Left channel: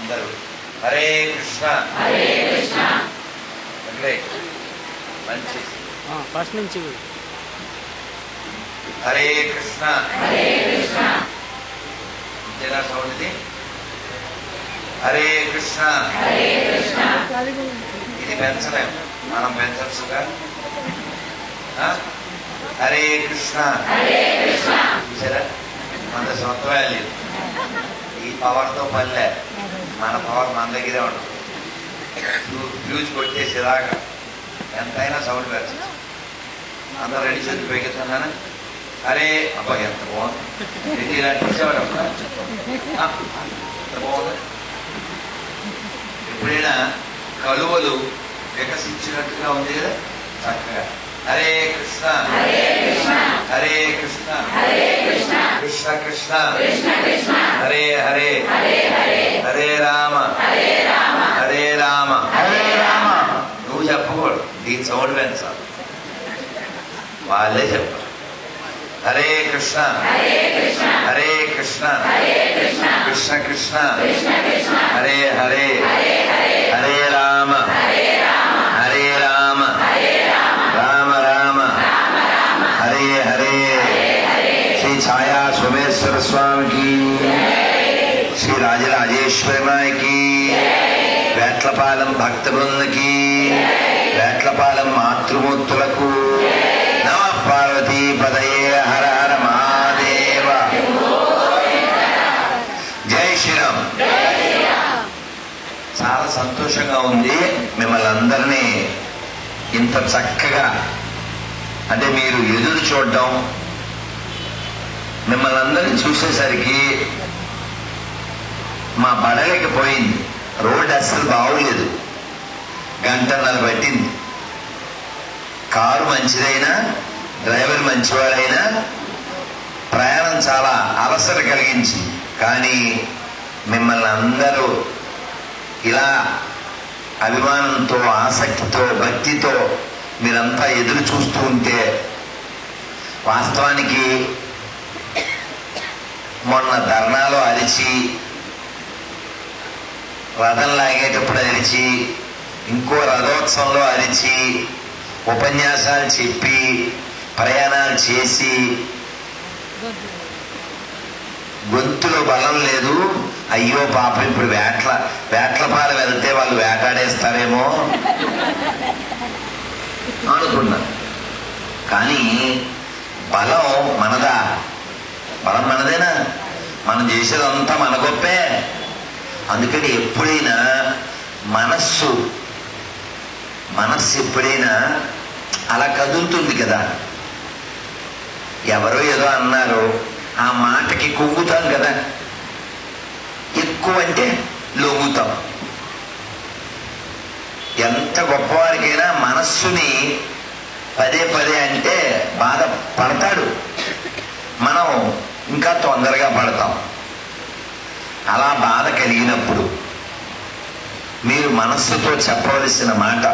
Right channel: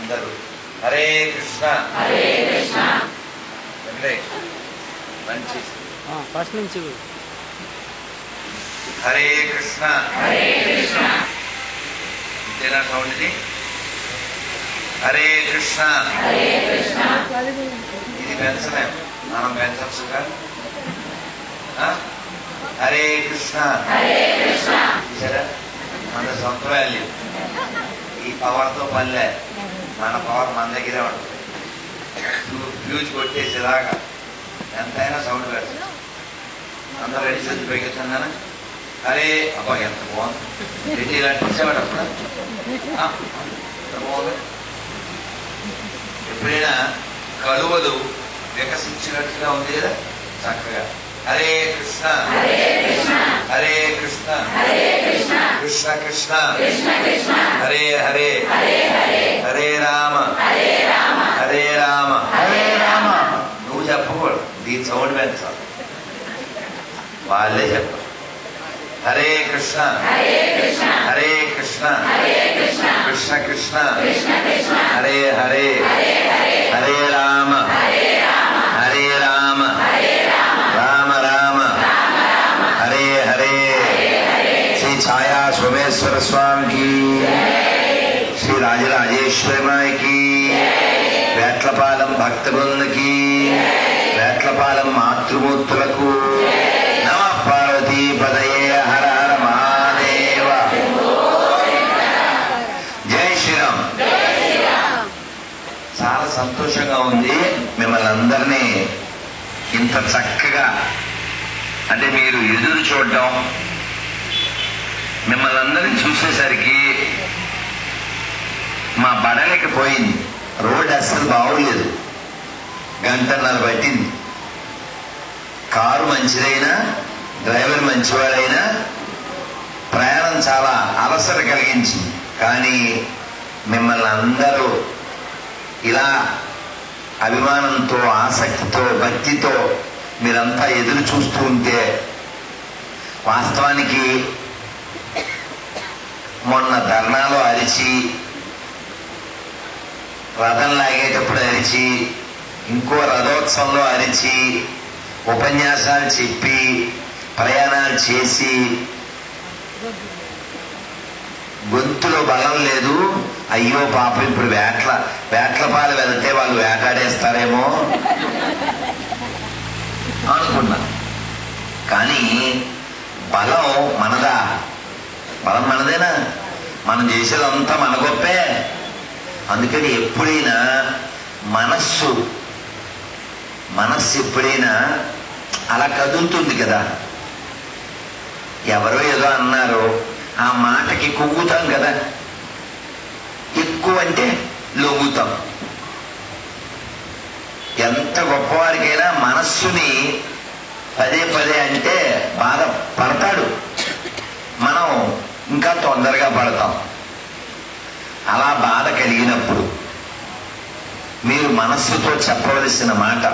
అందరూ హరే కృష్ణ అంటే మంచి ఫస్ట్ నుంచి హరే కృష్ణ ఇంతేనా సౌండ్ ఇది? హరే కృష్ణ. ఇది పెంచలేము, మనం పెంచచ్చుగా. హరే కృష్ణ. చూసారా, 100 సంవత్సరాలు లేదు. ఈ పవర్తో పనిలే, మన పవర్ మన దగ్గరే ఉంటుంది. ఫ్యూజ్ కొట్టేసేలాగా ఎంతైనా సౌండ్ కాదు. అందరూ రెడీ చేసి పెరుగుతున్నా. అరే అబ్బా ఎంత బాగుంది, ఇలాంటి వచ్చేవాడు వస్తా బాగుంది. ఎప్పుడైనా కలువలు వికసించినట్టుగా ఉంది కదా చక్కగా. హరే కృష్ణ హరే కృష్ణ కృష్ణ కృష్ణ హరే హరే హరే రామ హరే రామ. నువ్వు చెప్పకూడదు, దీని సౌండ్ పెంచాలి, వాళ్ళే చెప్పాలి. హరే కృష్ణ హరే కృష్ణ కృష్ణ కృష్ణ హరే హరే హరే రామ హరే రామ రామ రామ హరే హరే. శ్రీ ఛాయా సోమేశ్వర స్వామికి, శ్రీ రాజరాజేశ్వరి నాయకి, వేట్లపాలెం భక్త బృందకి, వేట్లపాలెం మాతృమూర్తులకు నమః పార్వతీ పదయే. హర హర మహాదేవ. జై శ్రీరామ్. చాలా సంతోషంగా ఉంది మిమ్మల్ని అందరినీ ఇంత చక్కగా, అంటే మీరు ఎదురు చూడడం, మిమ్మల్ని అందరినీ చూసేసరికి మా పడలేకపోయింది. రోడ్డు అసలు బాగోలేదు, 1.5 గంట పట్టింది. కారు మంచిదైనా, డ్రైవర్ మంచివారైనా ప్రయాణం చాలా అలసట కలిగించింది. కానీ మిమ్మల్ని అందరూ ఇలా అభిమానంతో, ఆసక్తితో, భక్తితో మీరంతా ఎదురు చూస్తూ ఉంటే, వాస్తవానికి మొన్న ధర్నాలో అరిచి, రథం లాగేటప్పుడు అరిచి, ఇంకో రథోత్సవంలో అరిచి, ఉపన్యాసాలు చెప్పి, ప్రయాణాలు చేసి గొంతులో బలం లేదు. అయ్యో పాపం, ఇప్పుడు వేట్లపాలు వెళ్తే వాళ్ళు వేటాడేస్తారేమో అనుకున్నాం. కానీ బలం మనదా? బలం మనదేనా? మనం చేసేదంతా మన గొప్పే. అందుకని ఎప్పుడైనా మనస్సు ఎప్పుడైనా అలా కదులుతుంది కదా. ఎవరో ఏదో అన్నారు, ఆ మాటకి కుంగుతాం కదా. ఎక్కువ అంటే లొంగుతాం. ఎంత గొప్పవాడికైనా మనస్సుని పదే పదే అంటే బాధ పడతాడు, మనం ఇంకా తొందరగా పడతాం. అలా బాధ కలిగినప్పుడు మీరు మనస్సుతో చెప్పవలసిన మాట,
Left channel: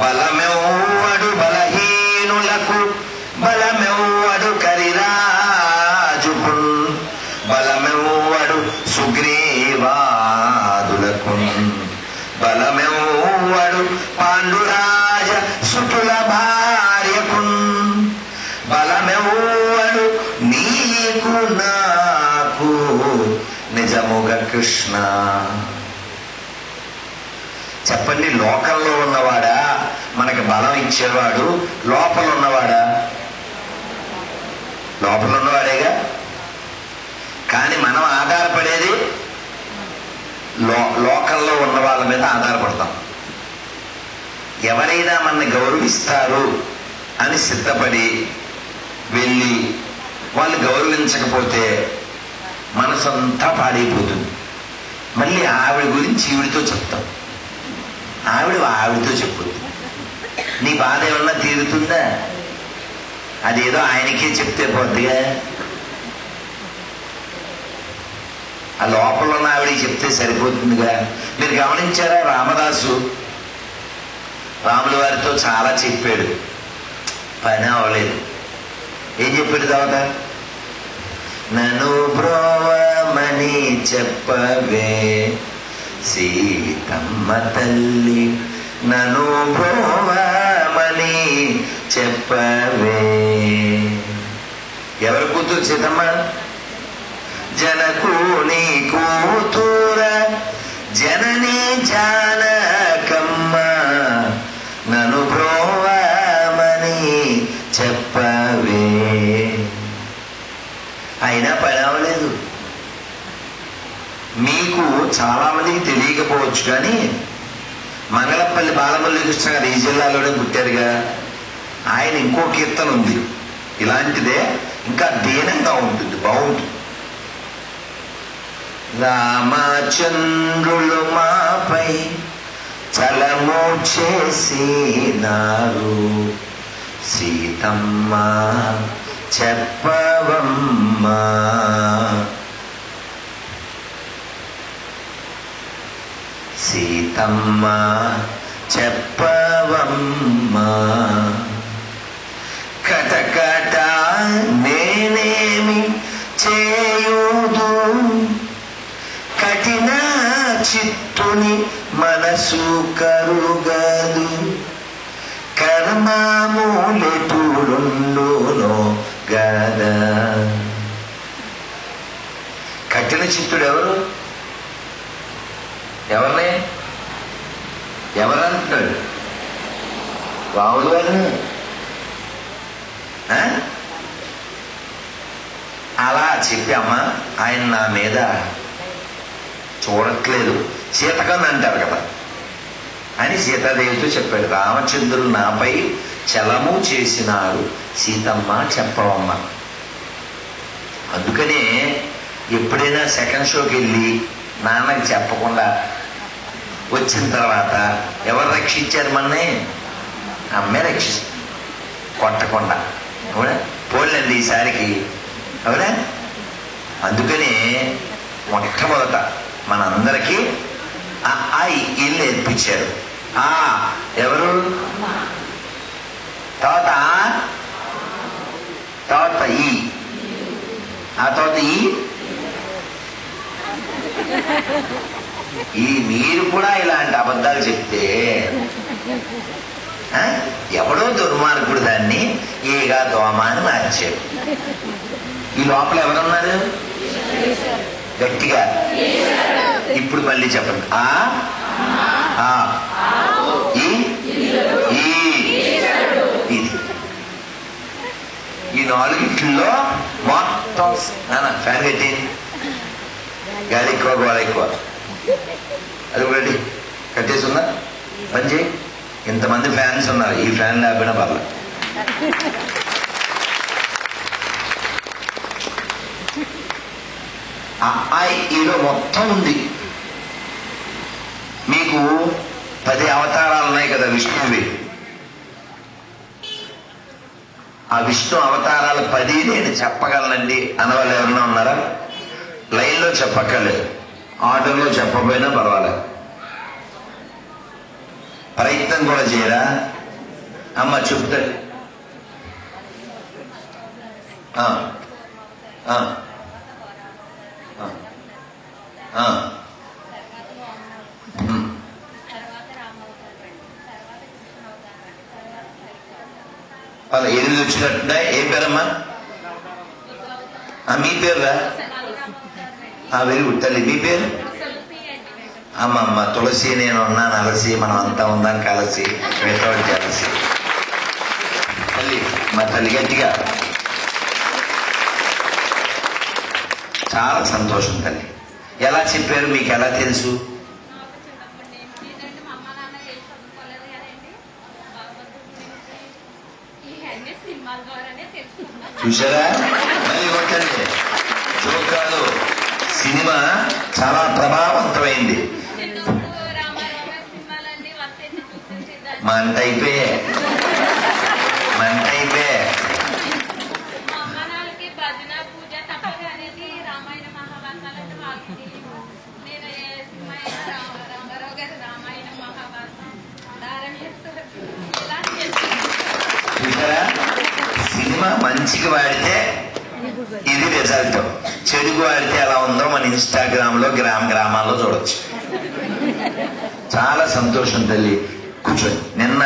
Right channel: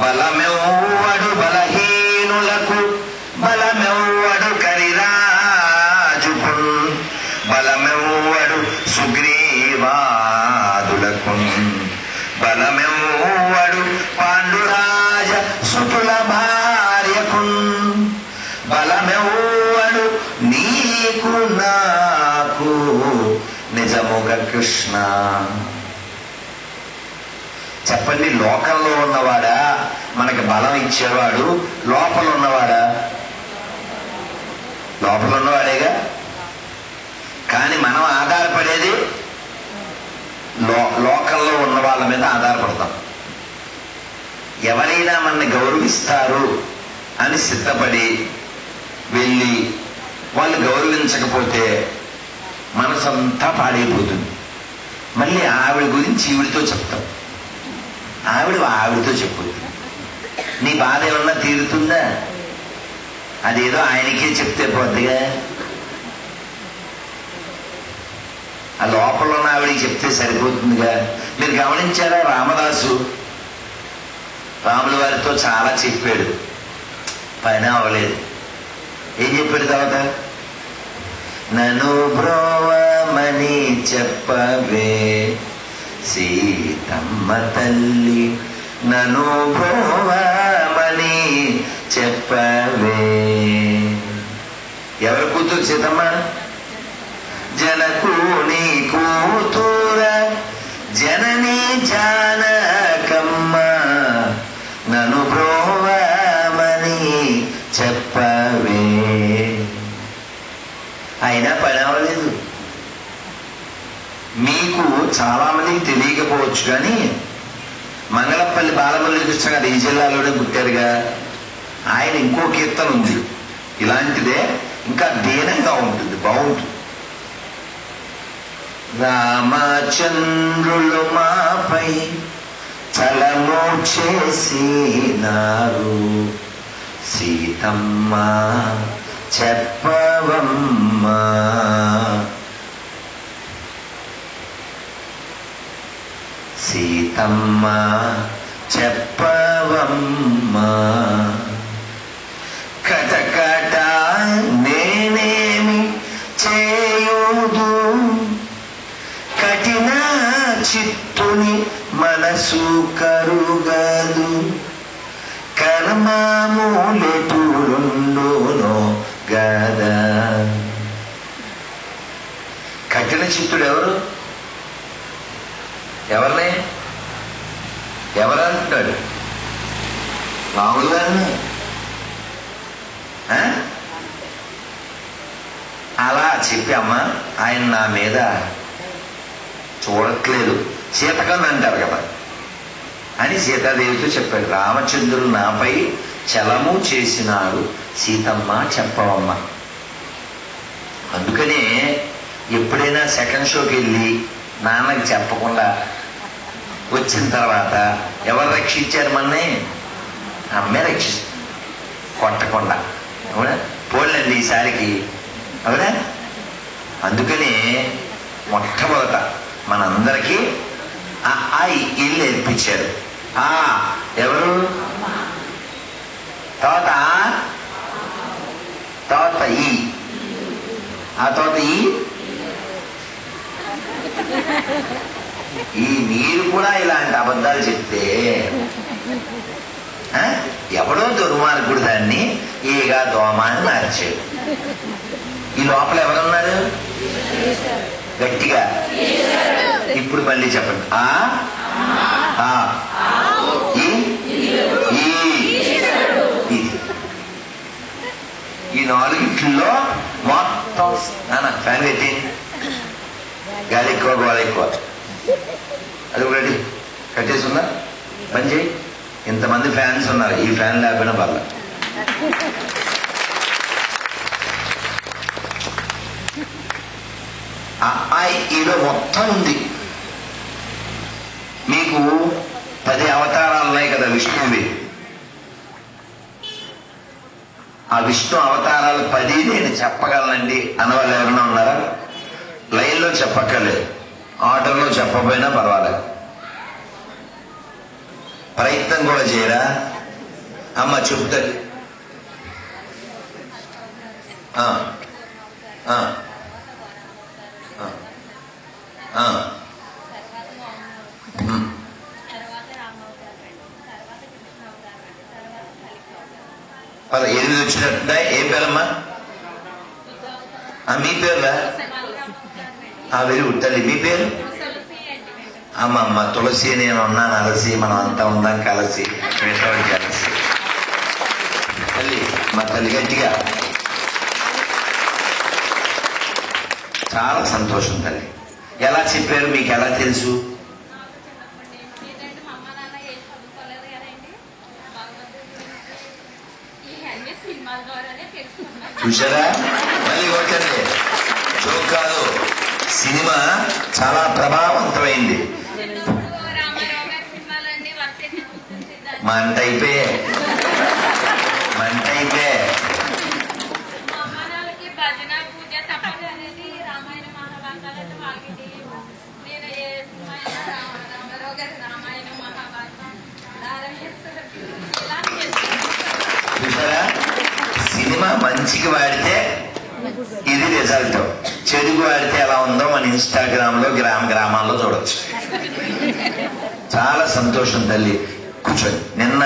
బలమెవ్వడు బలహీనులకు, బలమెవ్వడు కరిరాజుకు, బలమెవ్వడు సుగ్రీవాదులకు, బలమెవ్వడు పాండురాజ సుతుల భార్యకు, బలమెవ్వడు నీకు నాకు నిజముగా కృష్ణ. చెప్పండి, లోకంలో ఉన్నవాడా మనకి బలం ఇచ్చేవాడు? లోపల ఉన్నవాడా? లోపల ఉన్నవాడేగా. కానీ మనం ఆధారపడేది లోకంలో ఉన్న వాళ్ళ మీద ఆధారపడతాం. ఎవరైనా మనని గౌరవిస్తారు అని సిద్ధపడి వెళ్ళి వాళ్ళు గౌరవించకపోతే మనసంతా పాడైపోతుంది. మళ్ళీ ఆవిడ గురించి ఈవిడితో చెప్తాం, ఆవిడతో చెప్పుద్ది. నీ బాధ ఏమన్నా తీరుతుందా? అదేదో ఆయనకే చెప్తే పోద్దిగా. ఆ లోపల ఉన్న ఆవిడికి చెప్తే సరిపోతుందిగా. మీరు గమనించారా, రాముల వారితో చాలా చెప్పాడు, పని అవ్వలేదు. ఏం చెప్పాడు తర్వాత? నన్ను బ్రోవ బ్రోవమని చెప్పవే సీతమ్మ తల్లి నన్ను బ్రోవమని చెప్పవే. ఎవరి కూతురు సీతమ్మ? జనకుని కూతుర జనని జానకమ్మ నన్ను బ్రోవమని చెప్పవే. అయినా పని అవ్వలేదు. మీకు చాలా మందికి తెలియకపోవచ్చు, కానీ మంగళపల్లి బాలమురళీ కృష్ణ గారు ఈ జిల్లాలోనే పుట్టారుగా. ఆయన ఇంకో కీర్తన ఉంది ఇలాంటిదే, ఇంకా దీనంగా ఉంటుంది, బాగుంటుంది. రామచంద్రులు మాపై చలము చేసినారు సీతమ్మ చెప్పవమ్మా. సీతమ్మ చెప్పవమ్మా. కటకట నేనేమి చేయుదు కఠిన చిత్తుని మనసు కరుగదు కర్మములెటురుండునో గదా. కఠిన చిత్తుడు ఎవరు? ఎవరినే ఎవరంటున్నాడు? రాముడు గారిని. అలా చెప్పామా, ఆయన నా మీద చూడట్లేదు, సీతకన్ను అంటారు కదా అని సీతాదేవితో చెప్పాడు. రామచంద్రుడు నాపై చలము చేసినారు సీతమ్మ చెప్పవమ్మ. అందుకనే ఎప్పుడైనా సెకండ్ షోకి వెళ్ళి నాన్నకి చెప్పకుండా వచ్చిన తర్వాత ఎవరు రక్షించారు మన్నే? అమ్మే రక్షిస్తుంది, కొట్టకుండా. అవునా? పోలండి ఈసారికి. అవునా? అందుకనే మొట్టమొదట మనందరికీ ఆ ఇల్లు నేర్పించారు. ఎవరు? తర్వాత ఈ, ఆ తర్వాత ఈ మీరు కూడా ఇలాంటి అబద్ధాలు చెప్తే ఎవడో దుర్మార్గుడు దాన్ని ఏగా దోమ అని మార్చాడు. ఈ లోపల ఎవరున్నారు? గట్టిగా ఇప్పుడు మళ్ళీ చెప్పండి. ఈ నాలుగిట్లో మొత్తం ఫ్యాన్ పెట్టి గాలి ఎక్కువ గోళ ఎక్కువ. అది ఒకటి కట్టేసుకుందా పని చేయి. ఇంతమంది ఫ్యాన్స్ ఉన్నారు, ఈ ఫ్యాన్ లేకపోయినా పర్లేదు. ఈలో మొత్తం ఉంది. మీకు 10 అవతారాలు ఉన్నాయి కదా విష్ణువి. ఆ విష్ణు అవతారాలు 10 నేను చెప్పగలనండి అన్నవాళ్ళు ఎవరైనా ఉన్నారా? లైన్లో చెప్పక్కర్లేదు, ఆటోలో చెప్పకపోయినా పర్వాలేదు. ప్రయత్నం కూడా చేయరా? అమ్మ చెప్తారు. పద 8 వచ్చినట్టుగా. ఏం పేరమ్మా? మీ పేరురా? వెరీ గుడ్ తల్లి. మీ పేరు? అమ్మమ్మ తులసి. నేను ఉన్నాను అలసి, మనం అంతా ఉన్నాం కలిసి, మిగతావాడి కలిసి. తల్లి, మా తల్లి గట్టిగా. చాలా సంతోషం తల్లి. ఎలా చెప్పారు? మీకు ఎలా తెలుసు? చూసారా? మళ్ళీ కొట్టండి. జోక్ కాదు, సినిమా చాలా ప్రభావవంతమైంది. మంట అయిపోయే. చూసారా? సినిమా మంచికి వాడితే ఇది రిజల్ట్. చెడుగు ఆడితే ఎలా ఉందో మన ఇన్స్టాగ్రామ్ లో గ్రామాల్లో చూడొచ్చు. చాలా సంతోషం తల్లి. కూర్చొని నిన్న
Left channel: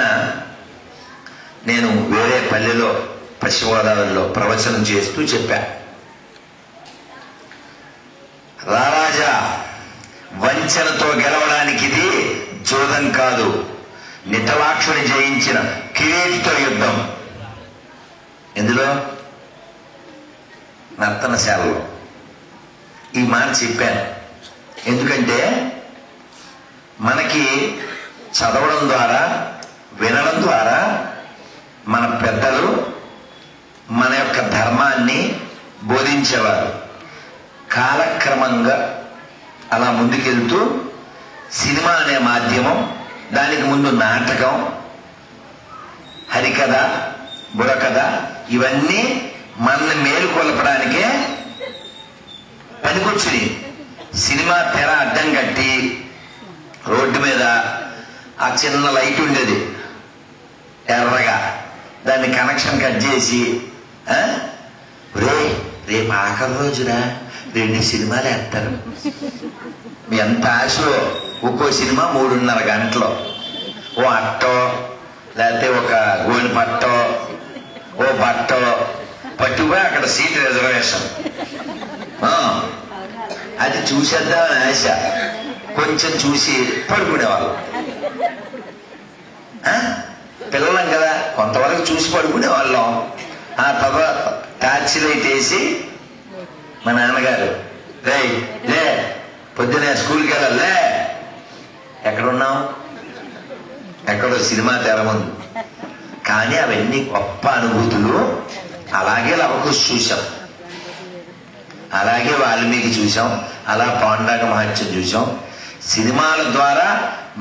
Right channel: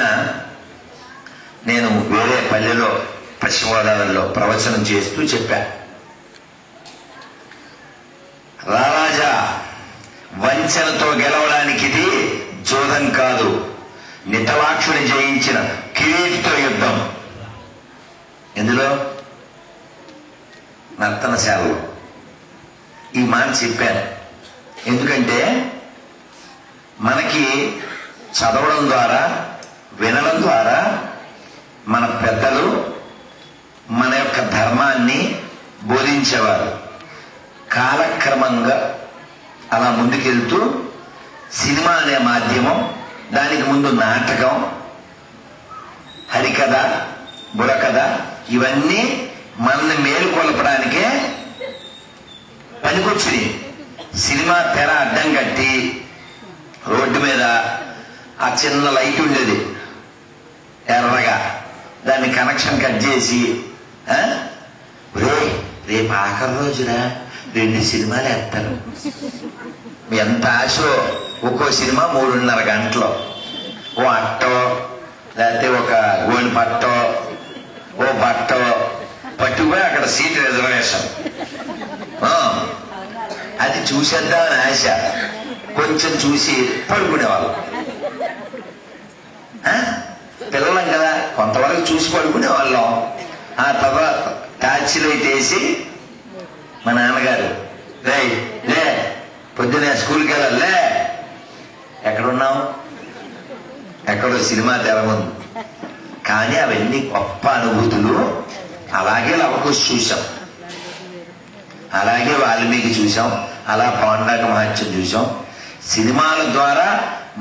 నేను వేరే పల్లెలో పశ్చిమ గోదావరిలో ప్రవచనం చేస్తూ చెప్పా, రారాజా వంచనతో గెలవడానికి ఇది జోదం కాదు, నితలాక్షుని జయించిన కిరీటితో యుద్ధం. ఎందులో? నర్తనశాలలో. ఈ మాట చెప్పాను ఎందుకంటే మనకి చదవడం ద్వారా, వినడం ద్వారా మన పెద్దలు మన యొక్క ధర్మాన్ని బోధించేవారు. కాలక్రమంగా అలా ముందుకెళ్తూ సినిమా అనే మాధ్యమం, దానికి ముందు నాటకం, హరికథ, బుర్రకథ, ఇవన్నీ మనల్ని మేలుకొల్పడానికే పనికొచ్చింది. సినిమా తెర అడ్డం కట్టి రోడ్డు మీద ఆ చిన్న లైట్ ఉండేది ఎర్రగా, దాన్ని కనెక్షన్ కట్ చేసి రేపు ఆఖరి రోజున 2 సినిమాలు వేస్తారు. ఎంత ఆశో! ఒక్కో సినిమా 3.5 గంటలు. ఓ అట్టో, లేకపోతే ఒక గోని పట్టో, ఓ బట్టో పట్టుకుపోయి అక్కడ సీట్ రిజర్వేషన్. అది చూసేద్దామని ఆశ. కొంచెం చూసి పడుకునేవాళ్ళం. పిల్లలం కదా, కొంతవరకు చూసి పడుకునేవాళ్ళం. ఆ తర్వాత టార్చ్ లైట్ వేసి మా నాన్నగారు, లే పొద్దునే స్కూల్కి వెళ్ళాలే. ఎక్కడున్నాం? ఎక్కడో సినిమా తెర ఉంది. కానీ అవన్నీ గొప్ప అనుభూతులు. అలాగే లవకుశ చూసాం, అలాగే వాల్మీకి చూసాం, అలా పాండాక మహత్యం చూసాం. సినిమాల ద్వారా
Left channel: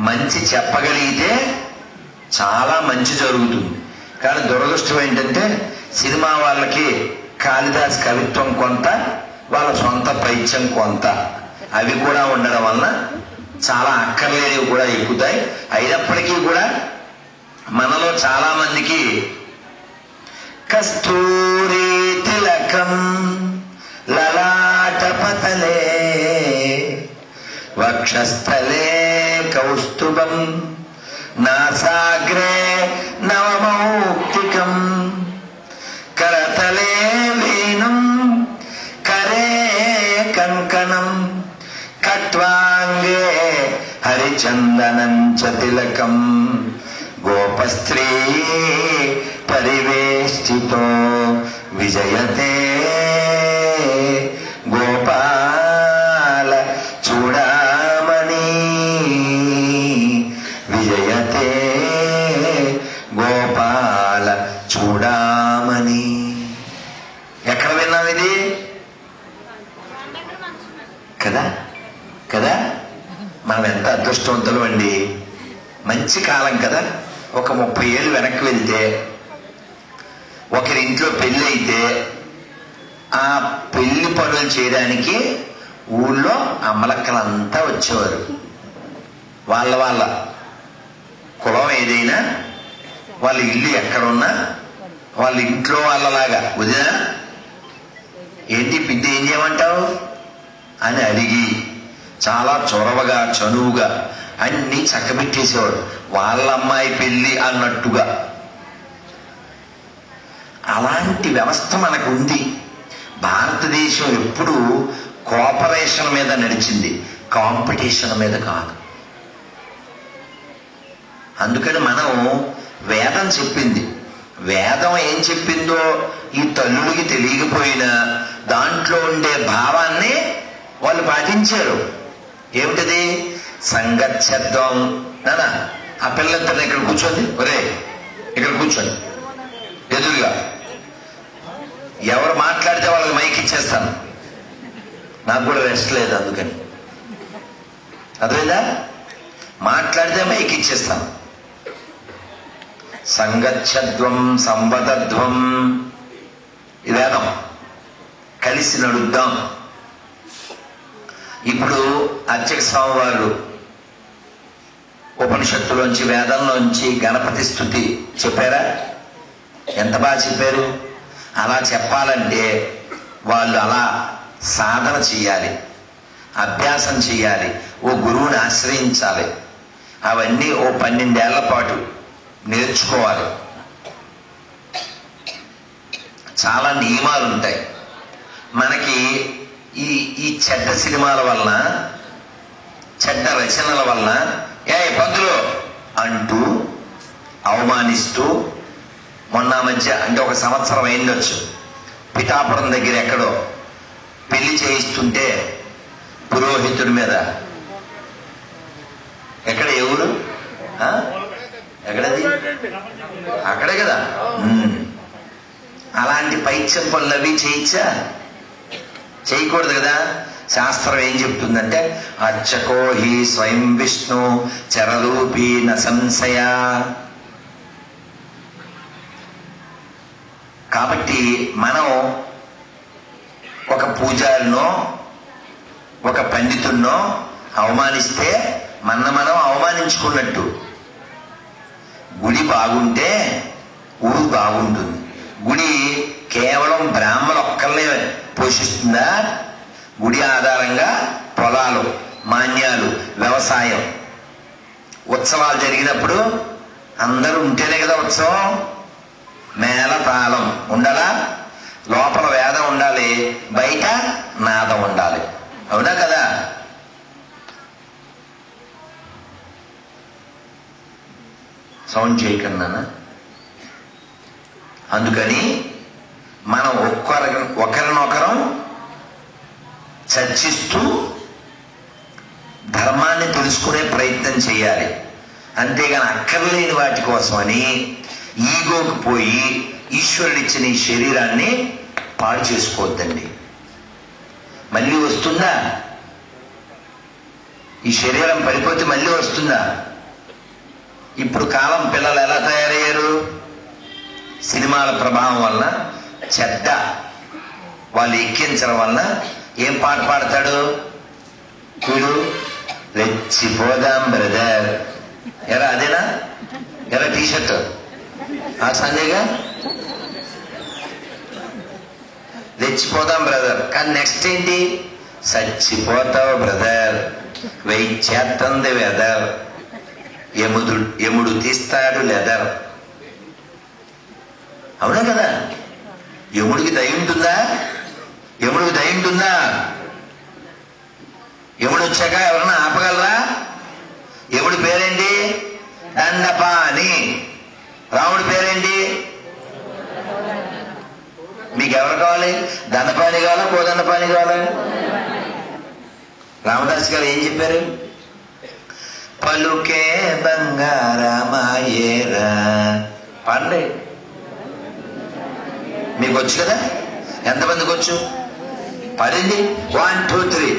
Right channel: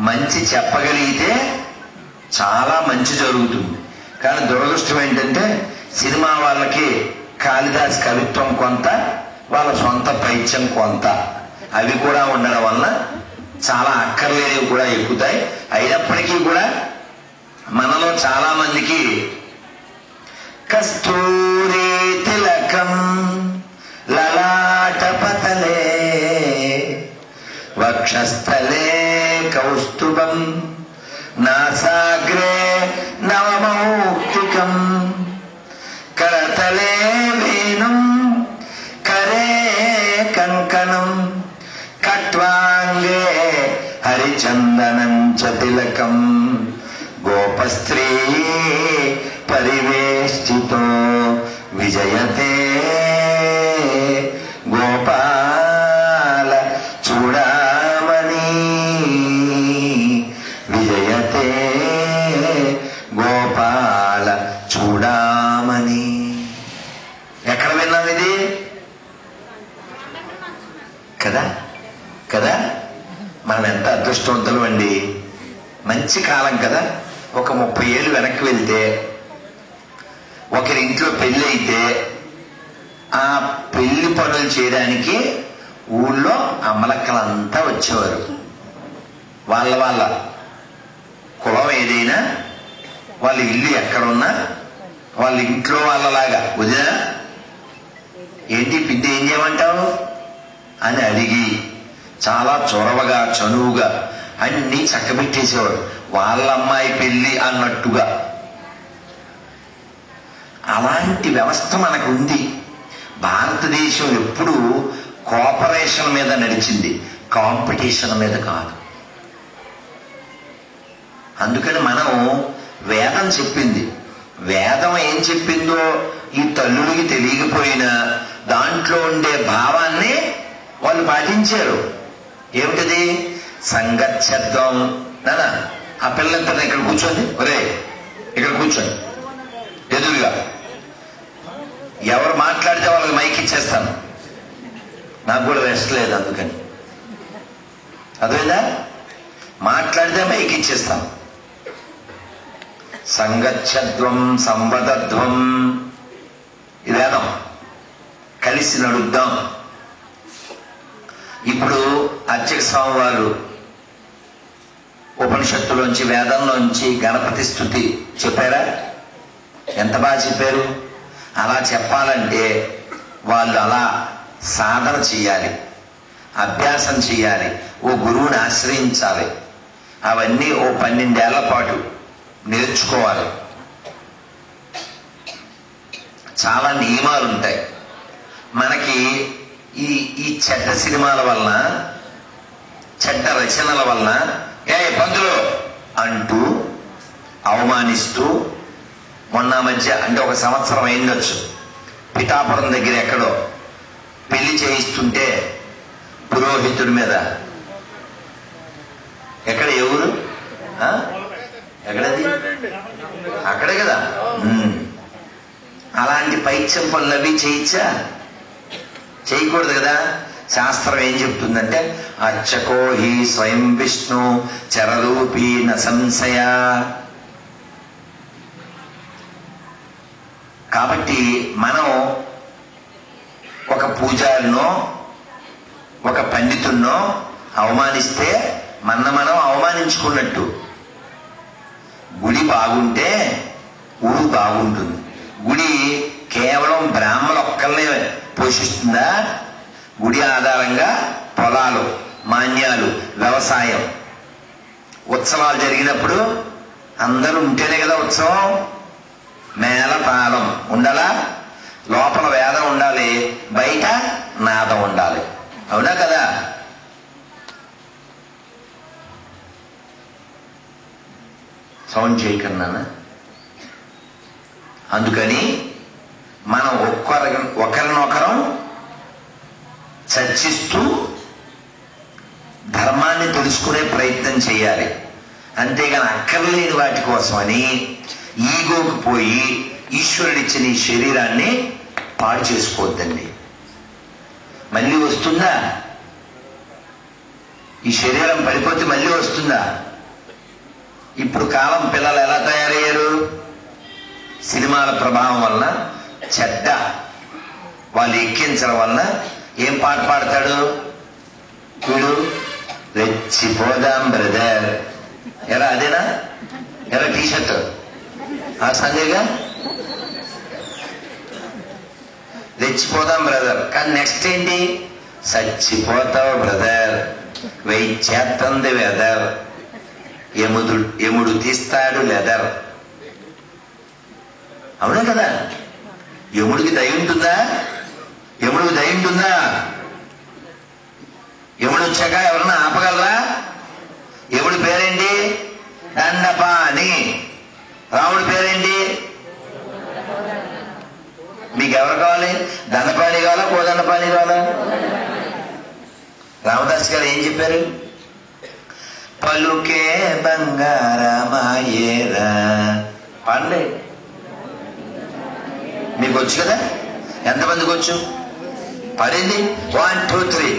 మంచి చెప్పగలిగితే చాలా మంచి జరుగుతుంది. కానీ దురదృష్టం ఏంటంటే సినిమా వాళ్ళకి కాళిదాస్ కవిత్వం కొంత, వాళ్ళ సొంత పైత్యం కొంత, అవి కూడా ఉండడం వలన చాలా అక్కర్లేనివి కూడా ఎక్కుతాయి. అయినప్పటికీ కూడా మనలో చాలా మందికి కస్తూరి తిలకం లలాటపతలే వక్షస్థలే కౌస్తుభం నాసాగ్రే నవమౌక్తికం కరతలే వీణం కరే కంకణం కట్వాంగే హరిచందనం చ తిలకం గోపస్త్రీ పరివేష్టితో విజయతే గోపాల చూడామణి విజయతే గోపాల చూడామణి. ఎక్కడ విన్నాం ఇది? కదా కదా మనం ఎంత అదృష్టవంతులు అండి. మంచి కాలం కదా. ఒక 30 ఏళ్ళు వెనక్కి వెళ్తే ఒకరి ఇంట్లో పెళ్లి అయితే ఆ పెళ్లి పనులు చేయడానికి ఊళ్ళో అమ్మలక్కలంతా వచ్చేవారు. వాళ్ళ కులం ఏదైనా, వాళ్ళ ఇల్లు ఎక్కడున్నా వాళ్ళ ఇంట్లో వాళ్ళలాగా, వదినా ఏంటి పిండి ఏం చేయమంటావు అని అడిగి చాలా చొరవగా చనువుగా అన్ని చక్కబెట్టేసేవాడు. వాళ్ళ అమ్మాయి పెళ్లి అన్నట్టుగా. అలాంటి వ్యవస్థ మనకు ఉంది. భారతదేశం ఎప్పుడూ కోఆపరేషన్ మీద నడిచింది, కాంపిటీషన్ మీద కాదు. అందుకని మనం వేదం చెప్పింది, వేదం ఏం చెప్పిందో ఈ తల్లుడికి తెలియకపోయినా దాంట్లో ఉండే భావాన్ని వాళ్ళు పాటించారు. ఏమిటది? సంగచ్చర్థం. నానా ఆ పిల్లలంతా ఇక్కడ కూర్చోండి, ఒరే ఇక్కడ కూర్చోండి ఎదురుగా. ఎవరు మాట్లాడితే వాళ్ళకి మైక్ ఇచ్చేస్తాను, నాకు కూడా రెస్ట్ లేదు. అందుకని అదేదా మాట్లాడితే మైక్ ఇచ్చేస్తాను. సంగచ్చధ్వం సంవదధ్వం ఇదేనా కలిసి నడుద్దాం. ఇప్పుడు అర్చక స్వామి వారు ఉపనిషత్తులోంచి వేదంలోంచి గణపతి స్తుతి చెప్పారా? ఎంత బాగా చెప్పారు. అలా చెప్పాలంటే వాళ్ళు అలా సాధన చెయ్యాలి, అభ్యాసం చెయ్యాలి, ఓ గురువుని ఆశ్రయించాలి. అవన్నీ ఓ 12 ఏళ్ల పాటు నేర్చుకోవాలి. చాలా నియమాలు ఉంటాయి. మనకి ఈ చెడ్డ సినిమాల వలన, చెడ్డ రచనల వలన పంతులు అంటూ అవమానిస్తూ, మొన్న మధ్య అంటే 1 సంవత్సరం అయిండొచ్చు, పిఠాపురం దగ్గర ఎక్కడో పెళ్లి చేయిస్తుంటే పురోహితుడి మీద, ఎక్కడ ఎవరు ఎక్కడది అక్కడే కదా, అలాంటి పైత్యం పనులు అవి చేయొచ్చా? చేయకూడదు కదా. శాస్త్రం ఏం చెప్తుందంటే అర్చకో హి స్వయం విష్ణు చరరూపీ న సంశయ. కాబట్టి మనం ఒక పూజారినో ఒక పండితుడినో అవమానిస్తే మనం అవమానించుకున్నట్టు. గుడి బాగుంటే ఊరు బాగుంటుంది. గుడి కేవలం బ్రాహ్మణ ఒక్కరినే పోషిస్తుందా? గుడి ఆధారంగా పొలాలు, మాన్యాలు, వ్యవసాయం, ఉత్సవాలు జరిగినప్పుడు అందరూ ఉంటేనే కదా ఉత్సవం. మేళ తాళం ఉండాలా, లోపల వేదం ఉండాలి, బయట నాదం ఉండాలి. అవునా కదా? సౌండ్ చేయకన్నా. అందుకని మనం ఒకరినొకరం చర్చిస్తూ ధర్మాన్ని తెలుసుకునే ప్రయత్నం చేయాలి. అంతేగాని అక్కర్లేని వాటి కోసమని ఈగోకి పోయి ఈశ్వరుడిచ్చిన ఈ శరీరాన్ని పాడు చేసుకోవద్దండి. మళ్ళీ వస్తుందా? ఈ శరీరం పడిపోతే మళ్ళీ వస్తుందా? ఇప్పుడు కాలం పిల్లలు ఎలా తయారయ్యారు? సినిమాల ప్రభావం వలన, చెడ్డ వాళ్ళు ఎక్కించడం వలన ఏం పాట పాడతాడు వీడు? రెచ్చిపోదాం బ్రదర్. ఎలా అదేనా? ఎలా టీషర్ట్ ఆ సంజయ్గా రెచ్చిపోదాం బ్రదర్. కానీ నెక్స్ట్ ఏంటి? చచ్చిపోతావు బ్రదర్, వెయిట్ చేస్తుంది వెదర్, యముడు తీస్తాడు లెదర్. అవునా కదా? యముడికి దయ ఉంటుందా? యముడికి దయ ఉంటుందా? యముడు వచ్చాక ఎవరన్నా ఆపగలరా? యముడి పేరేంటి? దండపాణి. రాముడి పేరేంటి? మీకు ఎవరు కావాలి? దండపాణి కావాలా, కోదండపాణి కావాలా? రామదాస్ గారు ఏం చెప్పారు? పలుకే బంగారమాయేరా అండి. మీకు వచ్చు కదా? ఎంతమందికి వచ్చు? పడింది. 1 2 3.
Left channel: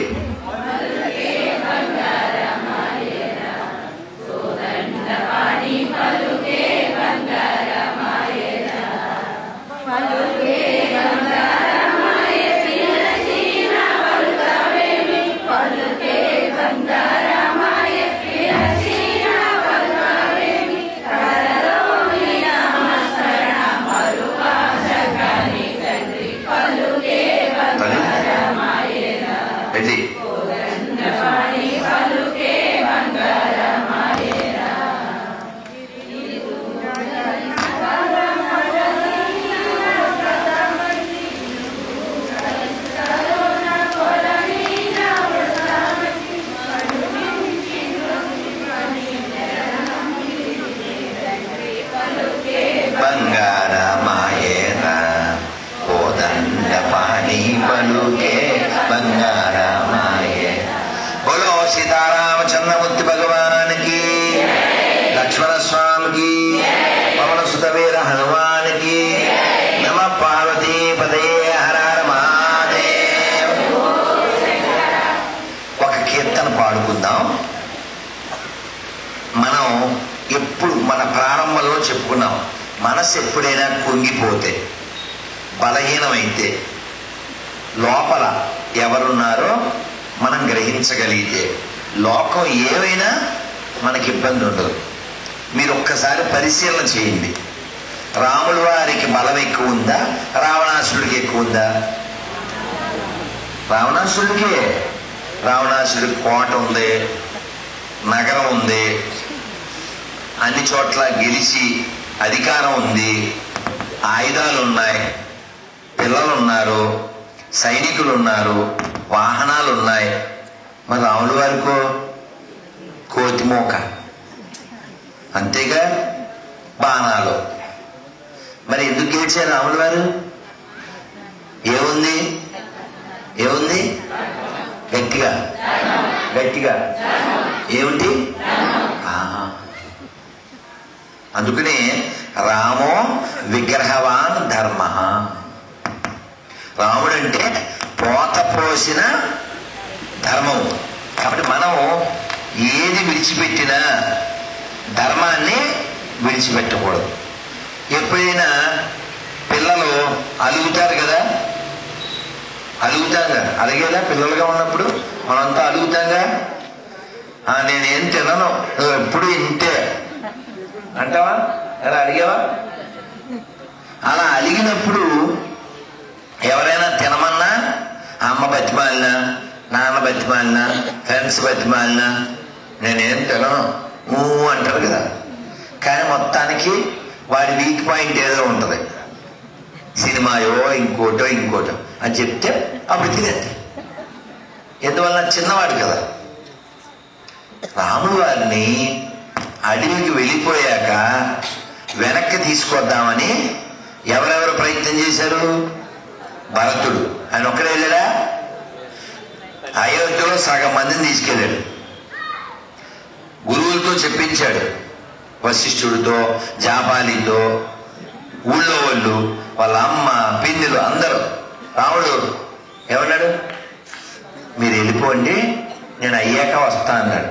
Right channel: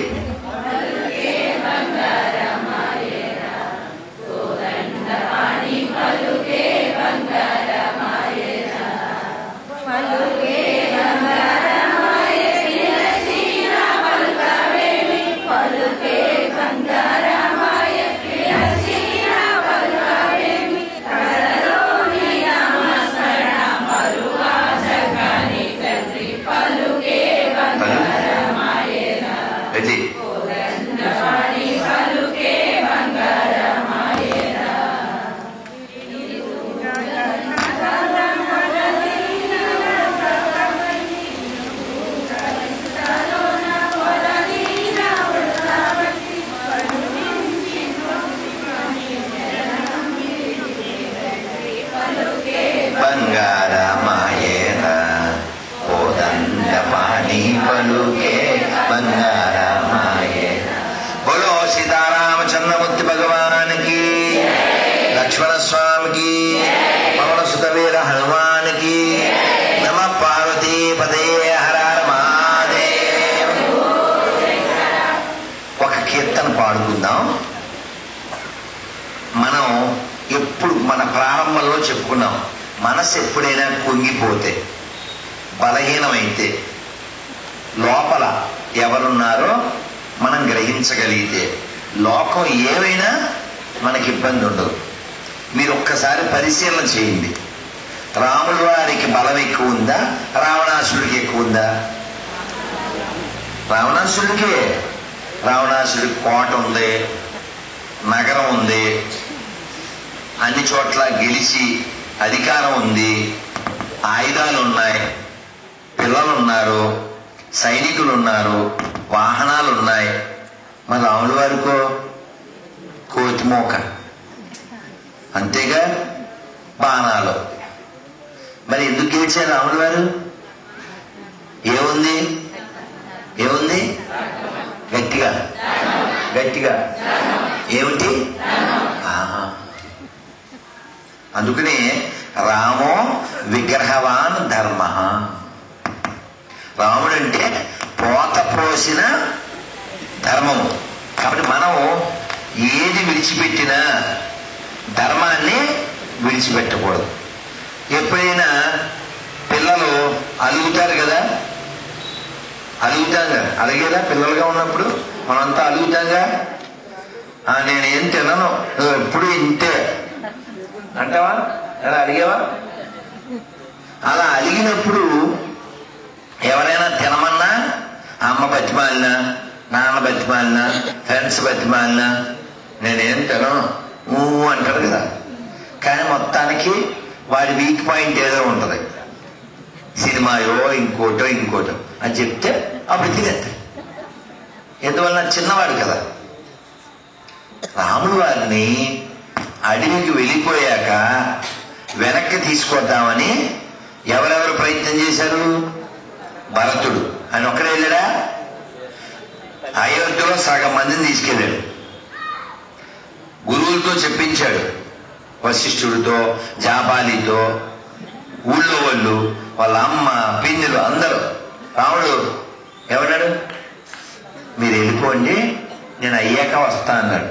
బంగారమాయేన కోదండపాణి పలుకే బంగారమాయేన. బోలో సీతారామచంద్రమూర్తి భగవానికి, లక్ష్మణ స్వామికి, పవన సుతవీర హనుమానికి, నమ పార్వతీ పదయే హర హర మహాదేవ్. ఒక కీర్తన పాడుకుందాం. మనం ఎప్పుడు మన ప్రారంభంలో చెప్పుకున్నాం, మనసు ఎప్పుడైనా కుంగిపోతే, బలహీనమైతే, లోపల ఎవరున్నారో మనం గ్రహించగలిగితే లోకం ఏమైనా మనకి ఇబ్బంది ఉండదు. మీరు ఒక్కసారి పరిశీలన చేయండి. రాముల వారికి బలం ఎక్కువ ఉందా, రావణాసుడికి ఎక్కువ ఉందా? రావణాసురుడికే. రావణాసురుడి కోట ఉంది, నగరం ఉంది, అన్ని చోట్ల గెలిచి అధికారం ఉంది, ఆయుధాలు ఉన్నాయి, పిల్లలు ఉన్నారు, సైనికులు ఉన్నారు, వాహనాలు ఉన్నాయి. మరి రాముల వారికో కోతిమోక, అంతేగా, బాణాలు. మరి ఎందుకు గెలిచారు రాముల వారు? ఏముంది ఏముంది? గట్టిగా గట్టిగా ఏమిటి? అందుకనే రామో విగ్రహవాన్ ధర్మ. రాముడంటే పోత పోసిన ధర్మం. కాబట్టి మనం ఏది విడిచిపెట్టినా ధర్మాన్ని విడిచిపెట్టకూడదు. ఎప్పుడైనా పిల్లలు అలుగుతారు కదా, అలుగుతాం కదా, అడిగేదా? పిల్లలుగా ఉన్నప్పుడు మనంతా అలుగుతాగా, నేనేం తినను, నువ్వు ఎప్పుడు ఇంతే అంటావా? అలా అడిగావా? అలా అడిగినప్పుడు ఎవరైనా తినమన్నా అమ్మ బతిమాలినా, నాన్న బతిమాలినా, ఫ్రెండ్స్ బతిమాలినా నేనేం తినను నువ్వు అంటారు కదా. కానీ మొత్తానికి వాడి వీక్ పాయింట్ ఏదో ఉంటది, సినిమాయో ఇంకోటో ఇంకోటో అని చెప్తే అప్పుడు తినేస్తాడు. ఎందువల్ల? చిన్నవాడు కదా. రాముడు వారిని అడవికి వెళ్ళిపోయాక వెనక్కి తీసుకొద్దామని ఎవరెవరు ప్రయత్నం చేశారు? భరతుడు. ఆయన ఒక్కడే వెళ్ళాడా? అయోధ్యలో సగం మందిని తీసుకెళ్ళాడు. గురువులతో చెప్పించాడు, వశిష్ఠుడితో, జాబాలితో, ఊళ్ళో వాళ్ళు, వాళ్ళ అమ్మ, పిన్నులు అందరూ. రాముడు ఏమన్నాడు? మీరు వెళ్ళిపోండి, నేను అయ్యాక వస్తా అన్నాడు.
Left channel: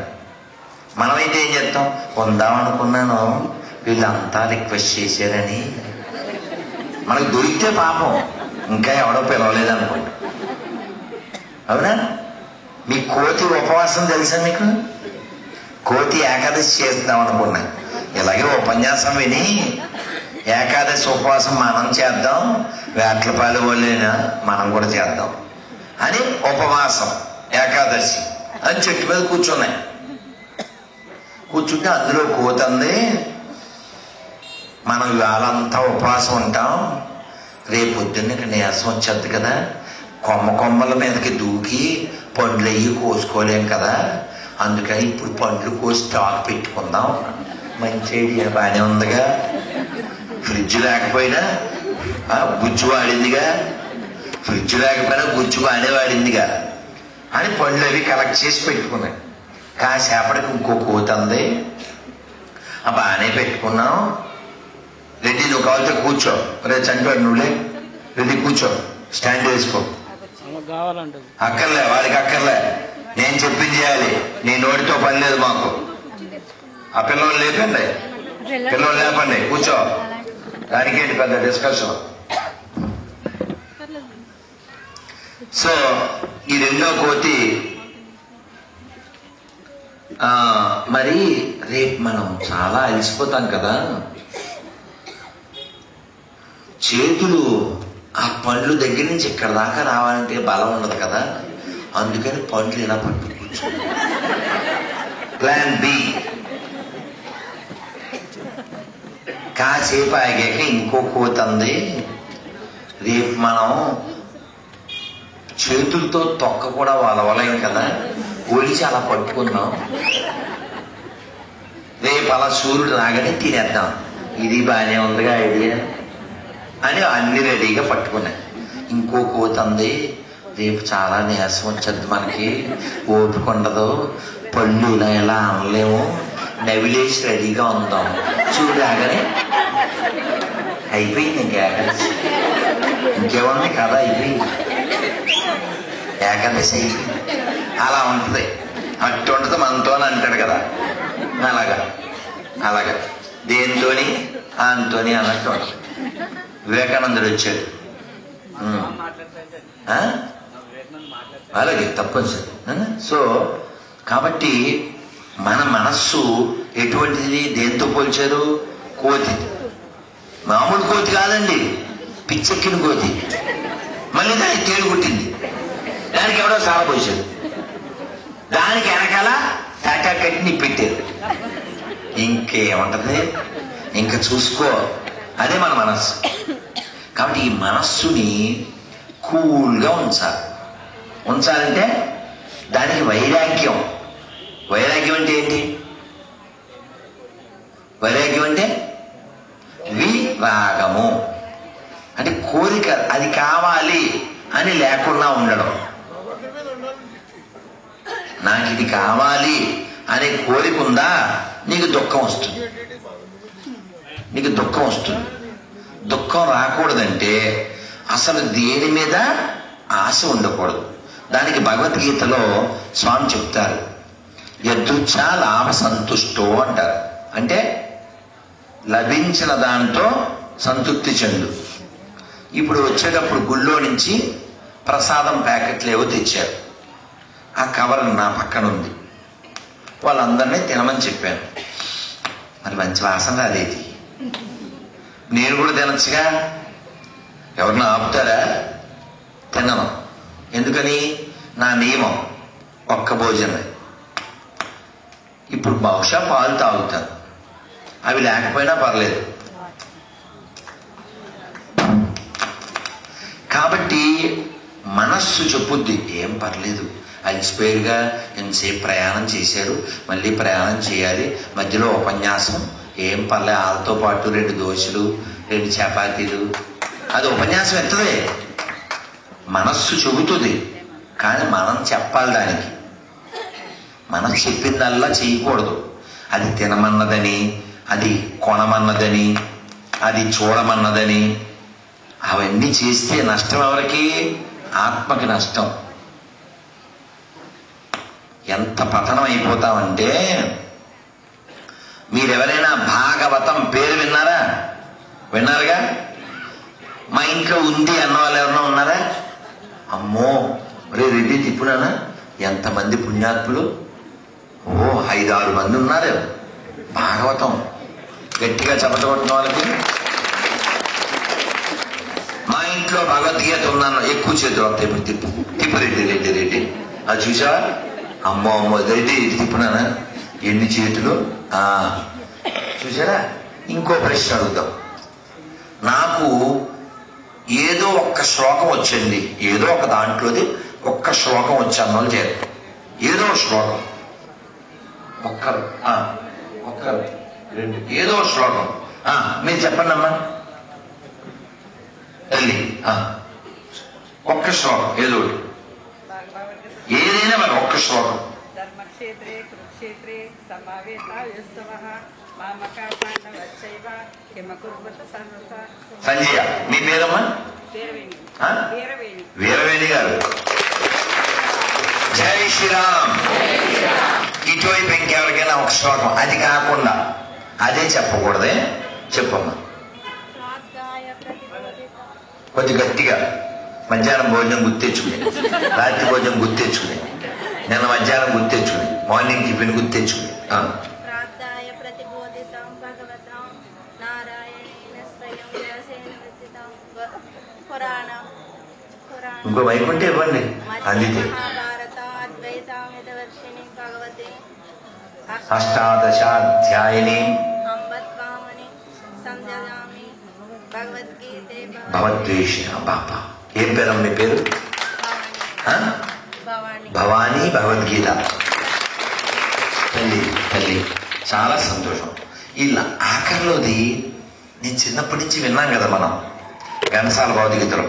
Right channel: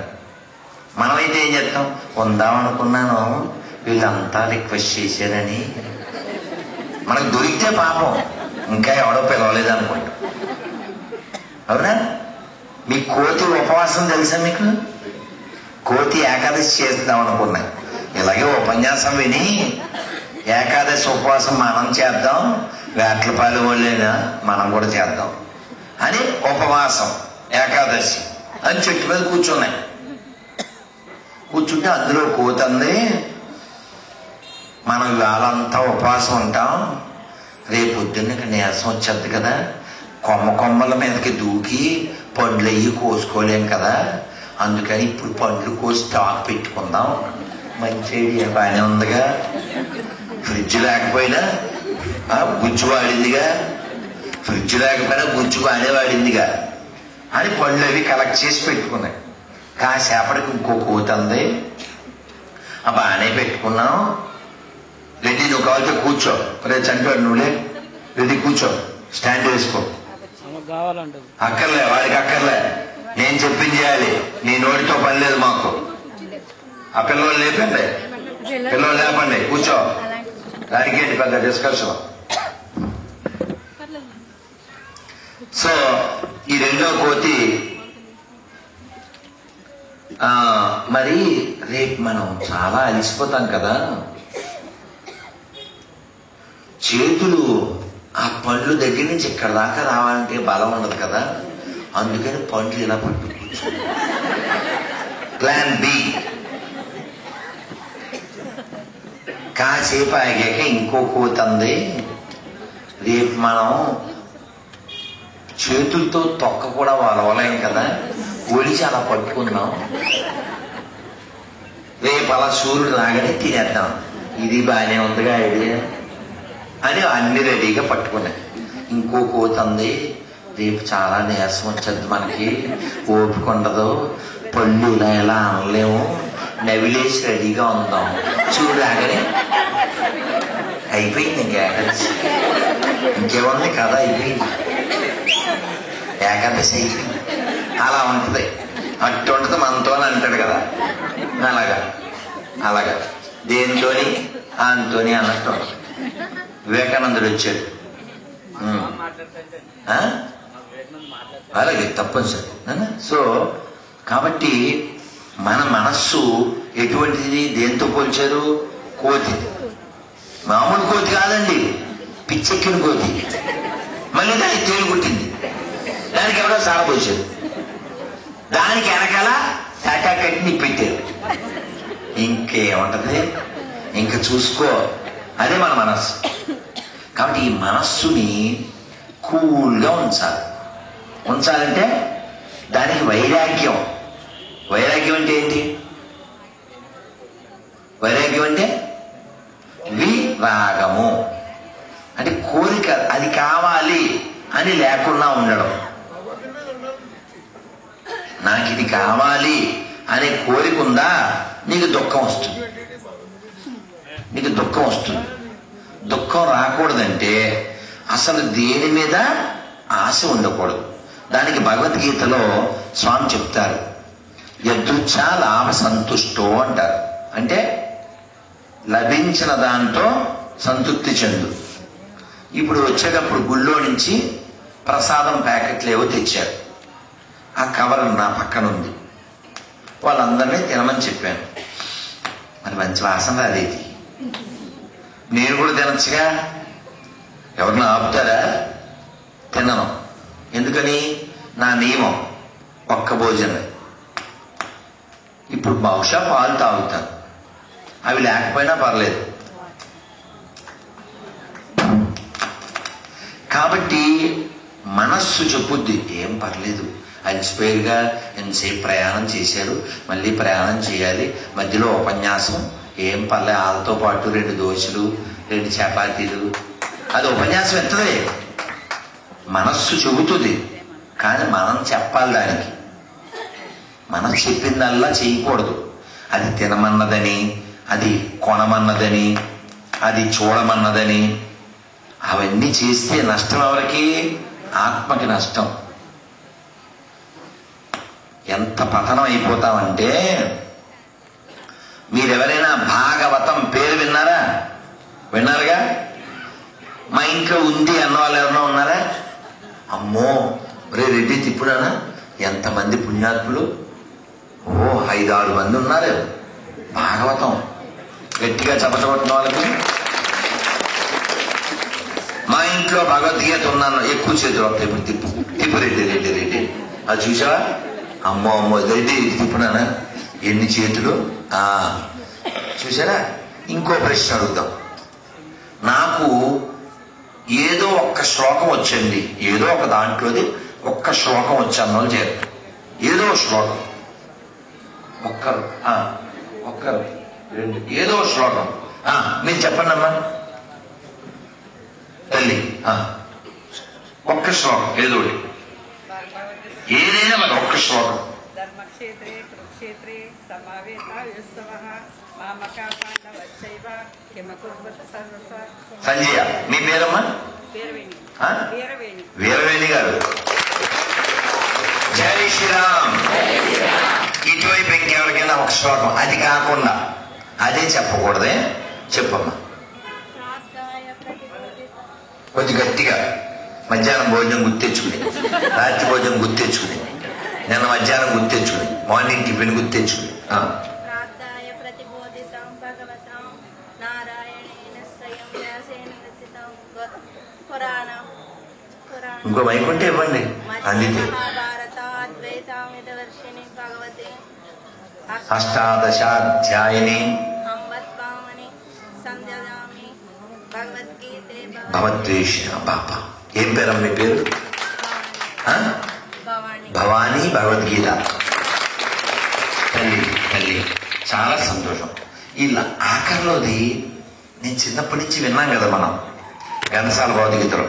మనమైతే ఏం చేస్తాం? కొందామనుకున్నాను, వీళ్ళంతా రిక్వెస్ట్ చేశారని. మనకు దొరికితే పాపం, ఇంకా ఎవడో పిలవలేదు అనుకుంటా. అవునా? నీ కోతి ఉపవాసం తెలుసా నీకు? కోతి ఏకాదశి చేద్దాం అనుకున్నా. ఇలాగే ఉపన్యాసం విని ఏకాదశి ఉపవాసం మనం చేద్దాం, వేట్లపాలు వాళ్ళైనా మనం కూడా చేద్దాం అని ఉపవాసం ఏకాదశి అని చెట్టు మీద కూర్చున్నాయి. కూర్చుంటే అందులో కోతి అంది, మనం ఇవాళంతా ఉపవాసం ఉంటాం, రేపు పొద్దున్న ఇక్కడ నీరసం వచ్చేది కదా, కొమ్మల మీదకి దూకి పండ్లు అయ్యి కోసుకోలేం కదా, అందుకని ఇప్పుడు పండ్లు కోసి స్టాక్ పెట్టుకుందాం. మంచి ఐడియా, బాగానే ఉందిగా. ఫ్రిడ్జ్ లేకపోయినా గుజ్జు వాడిందిగా, ఫ్రిడ్జ్ లేకపోయినా గుజ్జు బాగానే వాడిందిగా అని పండ్లు అవి కలెక్ట్ చేసి పెట్టుకున్నాయి. కాసేపటికి ఇంకో కోతి అంది, బాగానే పెట్టుకున్నాం, రెడ్డి నువ్వు కావాలితే కూర్చో, రే చంటాడు నువ్వులే, రెడ్డి కూర్చో, స్టాండ్ వేసుకో. అక్కర్లే, వాడికి అక్కర్లే, నేను చెప్పింది చేయాలి, నీ నోటితో పని లేదు మాకు. ఆ పిల్లలు లేపండి, పిల్లలు లేపండి, కూర్చో. దానికి ఏంటి పెద్ద డిస్కషన్. సో ఈ రెండో కోతి మరి రేపు మనం చాలా అలసిపోతాం కదా, చేతులు ఆ పండ్లు దగ్గర నుంచి ఇక్కడ దాకా రావాలంటే బలం ఉండదు కదా, అందుకని పండ్లు ఇలా పట్టుకోవచ్చు. Plan B. కాసేపు ఆగాక ఇంకో కోతి అంది, రేపు మనం చేతులతో తొక్క కూడా వలవలేం కదా, ఒలిచి అలా పట్టుకుందాం, రేపు అలా సూర్యుడు రాగానే తినేద్దాం. ఇది బాగానే ఉందిగా ఐడియా అని అన్ని రెడీగా పట్టుకున్నాయి. ఇంకో కోతి అంది, రేపు చాలా నీరసం వచ్చేది, మనకి ఓపిక ఉండదు, పళ్ళు ఇలా ఎలా అనలేము, నవిలేసి రెడీగా ఉందాం, చూడు రాగానే అయిపోయింది. ఇంకా ఏకాదశి ఇంకేముంది కదా, అయిపోయింది ఏకాదశి. అలా ఉంటుంది, అట్టు ఉంటుంది మనతో అని అంటాడు కదా, అలాగా దేనితోని అంతోని అన్నట్టు. వివేకానందుడు వచ్చాడు, అలాగే తప్పనిసరి. సో కాబట్టి మన మనస్సు ఎటువంటిది, దేంతో పోల్చారు? కోతి. మామూలు కోతి కాదండి, పిచ్చెక్కిన కోతి. మళ్ళీ దానికి తేలి పుట్టింది. దానికి ఎవడో సార పోసాడు, దానికి వెనకాల టాటా కట్టిని పెట్టారు. ఇంకేముంటది, ఇంకా చూసుకో. అదే మన మనస్సు. కాబట్టి ఈ మనస్సుని కూల్గా ఉంచాలంటే దానికి వైరాగ్యం. వైరాగ్యం అంటే ఏంటి? వైరాగ్యం అంటే విరాగము అంటే కోరిక, అది కావాలి అని లేకుండా ఉండడం. నాకు ఇది కావాలి అనే కోరిక ఉందా, నీకు దుఃఖం వస్తుంది. నీకు దుఃఖం వస్తుంది. దుఃఖం రాకూడదంటే అసలు దేని మీద ఆశ ఉండకూడదు. దానికి భగవద్గీతలో స్వామి చెప్తారు, యదృచ్ఛ లాభ సంతుష్టో అంటారు. అంటే లభించిన దాంతో సంతృప్తి చెందు. ఇప్పుడు వచ్చేటప్పుడు గుళ్ళో నుంచి ప్రసాదం ప్యాకెట్లు ఏవో తెచ్చారు. ఆ కవర్ నా పక్కన ఉంది. వాళ్ళందరినీ తినమని చెప్పాను. మరి మంచి వాసన అదేది, నేను కూడా తినచ్చుగా. ఎవరిని ఆపుతారా? తినను. ఎందుకని? నా నియమం ఒక్క భోజనం. ఇప్పుడు బహుశా పాలు తాగుతాను, అవి లేకపోయినా పర్లేదు. కాబట్టి మనస్సు చెప్పుద్ది, ఏం పర్లేదు, అలసిపోయిగా ఎంతసేపు ప్రయాణం చేశారు, మళ్ళీ ప్రయాణం చేయాలి, మధ్యలో ఉపన్యాసం, ఏం పర్లేదు, వాళ్ళతో పాటు 2 దోశలు 2 చపాతీలు, అది ఉపన్యాసం ఎత్తదే. మనస్సు చెబుతుంది, కానీ మనం చెప్పాలి దానికి. మనం చెప్పిందల్లా చేయకూడదు. అది తినమన్నదని, అది కొనమన్నదని, అది చూడమన్నదని, అవన్నీ చేస్తే నష్టం ఎవరికి? ఆత్మకి నష్టం. ఎంత పతనం అయిపోతామంటే, మీరెవరైనా భాగవతం పేరు విన్నారా? విన్నారుగా? మా ఇంట్లో ఉంది అన్న వాళ్ళు ఎవరైనా ఉన్నారా? అమ్మో రెడ్డి తిప్పుడానా, ఎంతమంది పుణ్యాత్ములు, 5-6 మంది ఉన్నారు భాగవతం గట్టిగా చదవడం వాళ్ళకి. మా ఇంట్లో భగవద్గీత ఉన్నాను, ఎక్కువ చేతులు వస్తాయి, తిప్పు రెడ్డి అది చూసావా? అమ్మో రెడ్డి తిప్పుడానా, ఎన్ని చేతులు చూసారా? ఇంకో ప్రశ్న అడుగుదాం. నాకు ఏదో ఒక్క శ్లోకం వచ్చింది, ఏదో ఒక దాంట్లోది ఒక్క శ్లోకం వచ్చాను చేత, ఏదో శ్లోకం, ఒక్కరు 2 ఏదో శ్లోకం మీరు చెప్పండి అమ్మా తల్లి. ఒక్క శ్లోకం ఏదో ఏదైనా మరి ఒక్క శ్లోకం. ధర్మక్షేత్రే కురుక్షేత్రే సమావేత యుత్సవః మామకా పాండవచ్చైవ కిమకుర్వత సర్వస. సంజయ, మీ పేరమ్మా? వీరవేణి. వీరవేణి గారు, జై శ్రీరామ్. ఇటువైపు ఇంకెవరికైనా ఒక శ్లోకం, అది కాకుండా అదే చెప్పకూడదే, చెప్పమ్మా కొంచెం గట్టిగా. మధ్యాహ్నం భోజనం గుర్తెచ్చుకుని, రాత్రి భోజనం గుర్తెచ్చుకుని, నేను మధ్యాహ్నం గుర్తెచ్చుకుని, మార్నింగ్ టిఫిన్ గుర్తెచ్చుకుని. ఇంకో వైకుంఠ ఇవ్వండి. మహాభారత అద్వైతామిదవర్షిణి భగవతే అష్టాదశాధ్యాయిని అంబత్వామని సంధ్యామి భగవద్గీతే భగవద్వేషిణ. బాబా ఏం పేరమ్మ మీ పేరు? భవానీ. భగవద్గీత తల్లి చాలా సంతోషం. ఇలా ఆఖరిలోది నేను చిన్నప్పటి నుంచి విన్నాం కదా మనం ఘనసాల భగవద్గీతలో,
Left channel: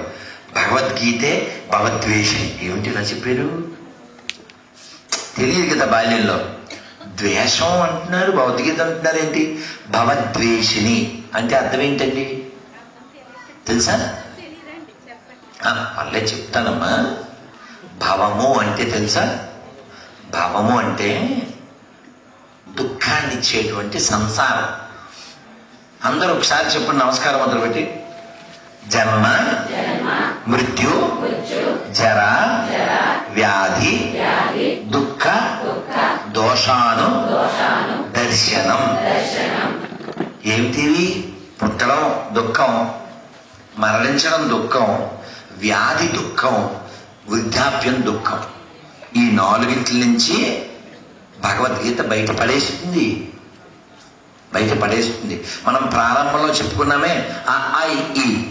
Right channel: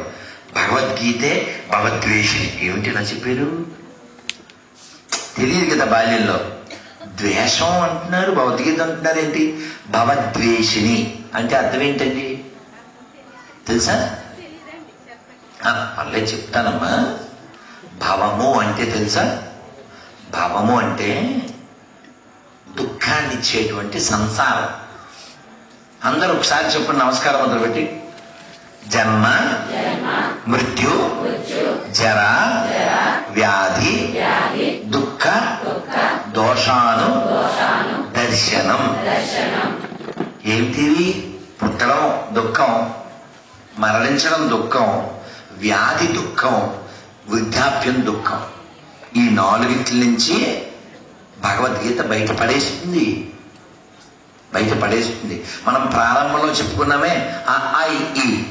భగవద్గీతే భగవద్వేషిణి. ఏమిటి ఇలా చెప్పారు? తెలియదు కదా బాల్యంలో. ద్వేషం అంటున్నారు, భగవద్గీత అంటున్నారు, ఏంటి భగవద్వేషిణి అంటే అర్థం ఏంటండి తెలుసా? పర్లే చెప్తానమ్మా. భవము అంటే తెలుసా? భవము అంటే దుఃఖాన్ని ఇచ్చేటువంటి సంసారం. అందరూ ఒకసారి చెప్పండి, నమస్కారం మొదలుపెట్టి. జన్మ మృత్యు జర వ్యాధి దుఃఖ దోషాను దర్శనం. ఏమిటివి? పుట్టడం దుఃఖం, మరణించడం దుఃఖం, వ్యాధి దుఃఖం, వృద్ధాప్యం దుఃఖం. ఈ నాలుగింటి నుంచి భగవద్గీత బయటపడేస్తుంది. మనం ప్రారంభంలో చెప్పుకున్నామే ఆ ఈ